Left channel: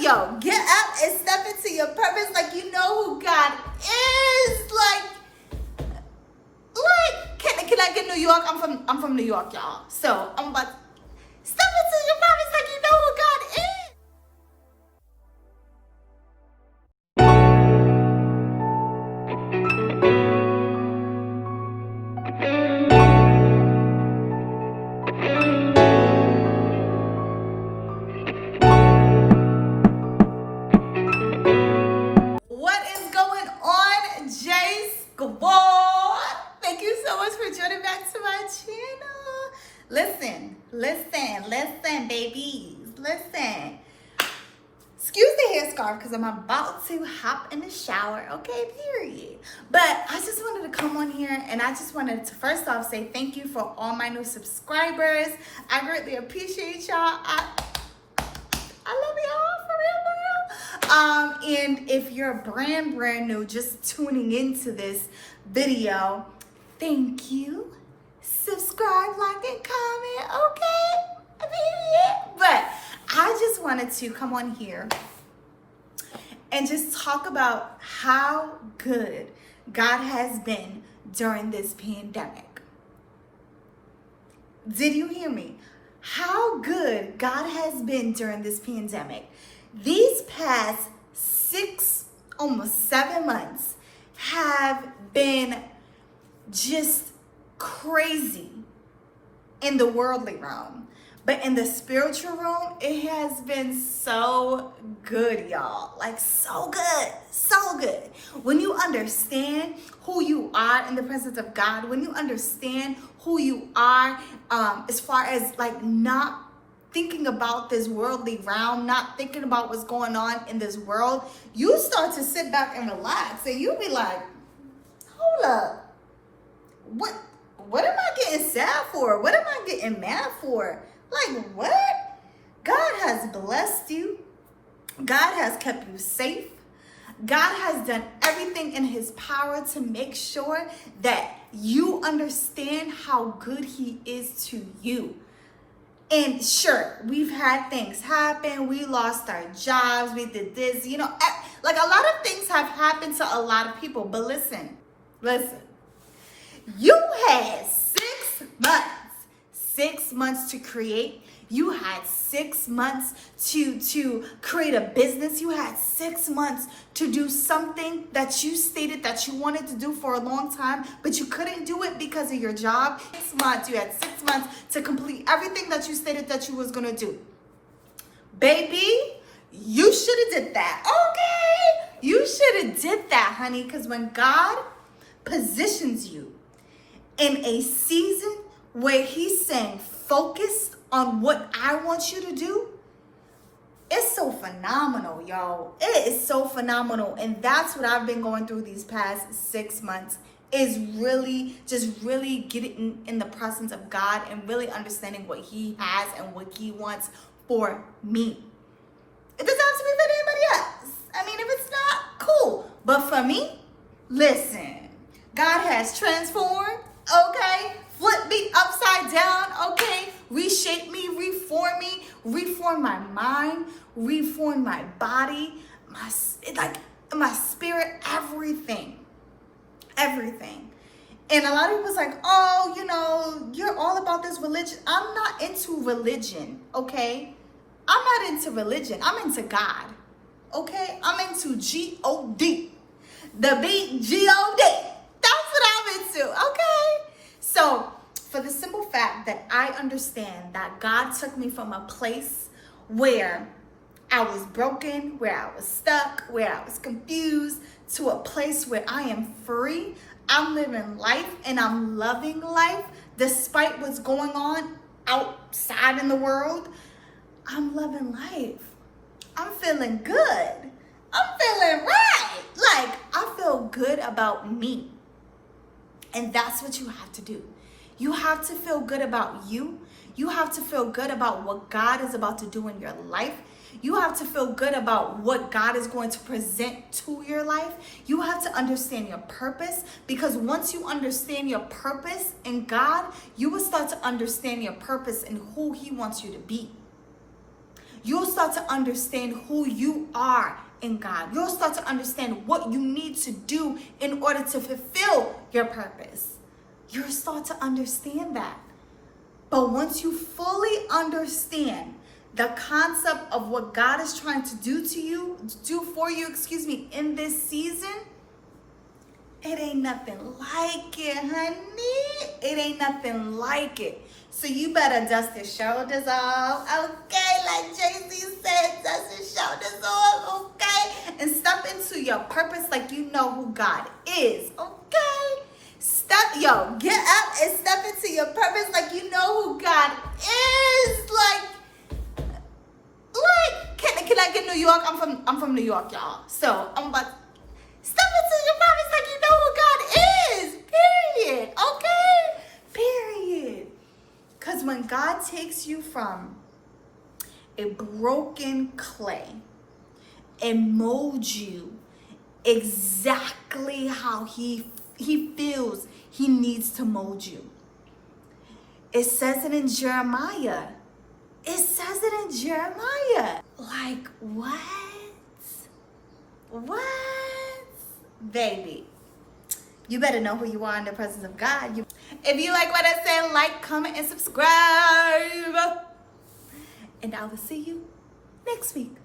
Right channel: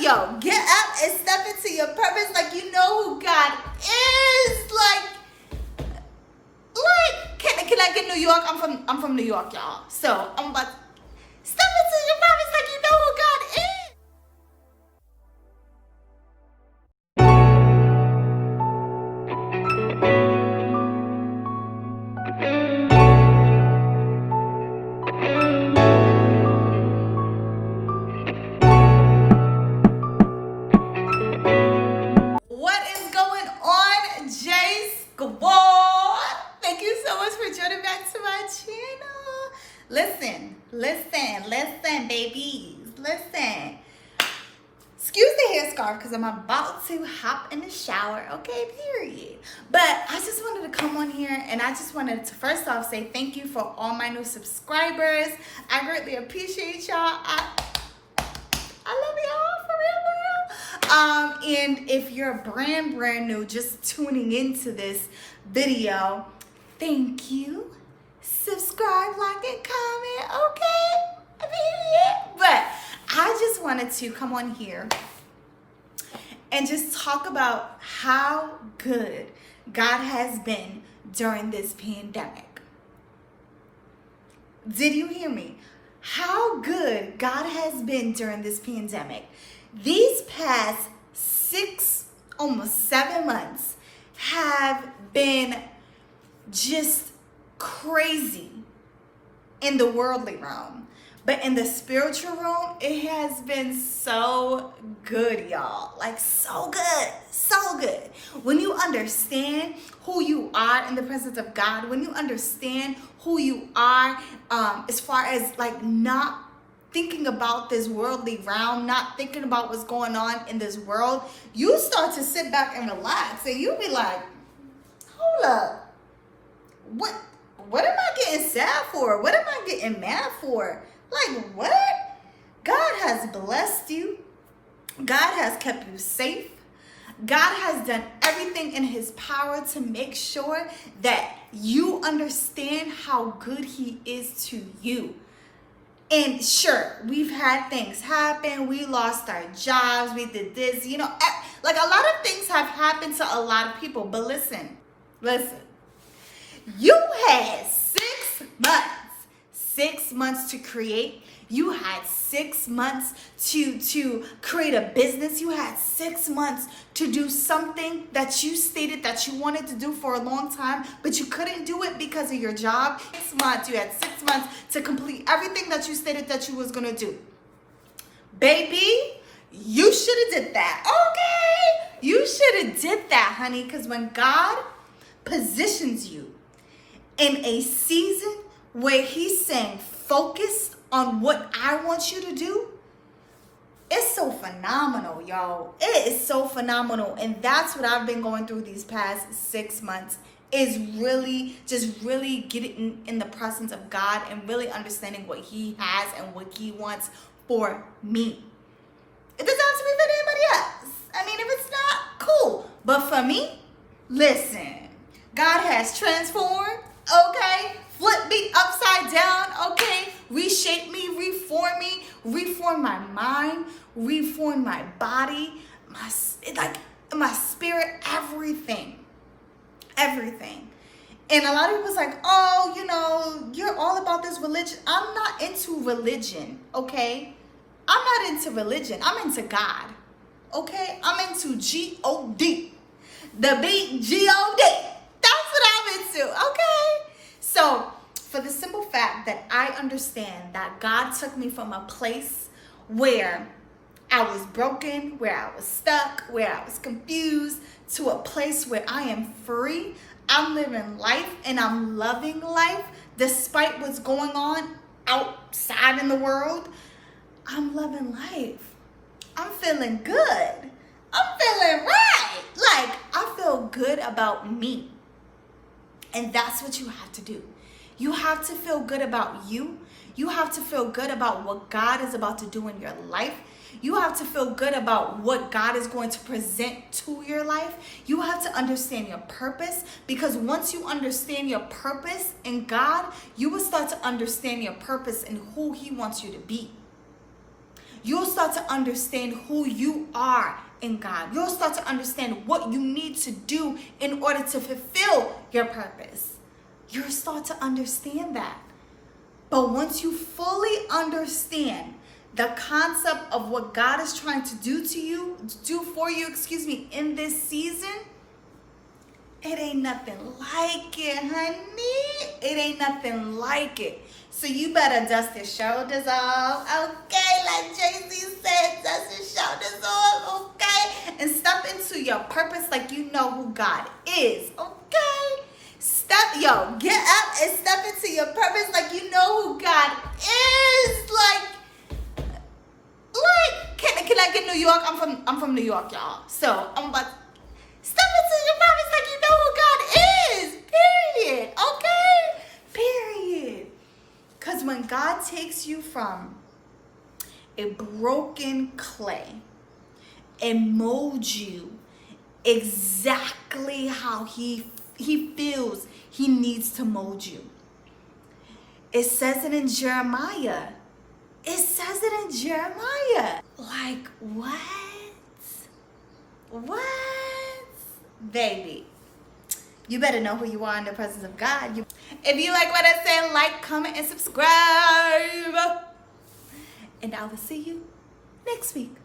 get up and step into your purpose like you know who God is. Can I get New York? I'm from New York, y'all. So I'm about to step into your purpose like you know who God is. What is going on, J Squad? Thank you so much for joining back to my channel. Listen, babies. Listen. Excuse the headscarf because I'm about to hop in the shower, okay, period. But I just wanted to come on here and I just wanted to first off say thank you for all my new subscribers. I greatly appreciate y'all. I love y'all, for real. And if you're brand new, just tuning into this video, thank you. Subscribe, like, and comment, okay? Period. But I just wanted to come on here and just talk about how good God has been during this pandemic. Did you hear me? How good God has been during this pandemic. These past almost 7 months have been just crazy in the worldly realm. But in the spiritual realm, it has been so good, y'all. Like, so good. So good. When you understand who you are in the presence of God, when you understand who you are as far as, like, not thinking about this worldly realm, not thinking about what's going on in this world, you start to sit back and relax. And you'll be like, hold up. What am I getting sad for? What am I getting mad for? Like, what? God has blessed you. God has kept you safe. God has done everything in his power to make sure that you understand how good he is to you. And sure, we've had things happen. We lost our jobs. We did this, like a lot of things have happened to a lot of people. But listen, you had 6 months to create. You had 6 months to create a business. You had 6 months to do something that you stated that you wanted to do for a long time, but you couldn't do it because of your job. 6 months. You had 6 months to complete everything that you stated that you was going to do. Baby, you should have did that. Okay? You should have did that, honey, because when God positions you in a season where he's saying, focus on what I want you to do, it's so phenomenal, y'all. It is so phenomenal. And that's what I've been going through these past 6 months, is really getting in the presence of God and really understanding what he has and what he wants for me. It doesn't have to be for anybody else. I mean, if it's not, cool. But for me, listen, God has transformed, okay? Flip me upside down, okay? Reshape me, reform my mind, reform my body, my spirit, everything. And a lot of people's like, oh, you're all about this religion. I'm not into religion, okay? I'm not into religion. I'm into God, okay? I'm into G-O-D, the big G-O-D. That's what I'm into, okay? So, for the simple fact that I understand that God took me from a place where I was broken, where I was stuck, where I was confused, to a place where I am free. I'm living life and I'm loving life despite what's going on outside in the world. I'm loving life. I'm feeling good. I'm feeling right. Like, I feel good about me. And that's what you have to do. You have to feel good about you. You have to feel good about what God is about to do in your life. You have to feel good about what God is going to present to your life. You have to understand your purpose, because once you understand your purpose in God, you will start to understand your purpose and who he wants you to be. you'll start to understand who you are in God. You'll start to understand what you need to do in order to fulfill your purpose. You'll start to understand that. But once you fully understand the concept of what God is trying to do for you, in this season, it ain't nothing like it, honey. It ain't nothing like it. So you better dust your shoulders off, okay? Like Jay-Z said, dust your shoulders off, okay? And step into your purpose like you know who God is, okay? Get up and step into your purpose like you know who God is. Can I get New York? I'm from New York, y'all. So I'm about to step into your purpose like you know who God is. Period. Okay? Period. Because when God takes you from a broken clay and molds you exactly how he feels he needs to mold you. It says it in Jeremiah. Like, what? Baby, you better know who you are in the presence of God. If you like what I said, like, comment, and subscribe. And I will see you next week.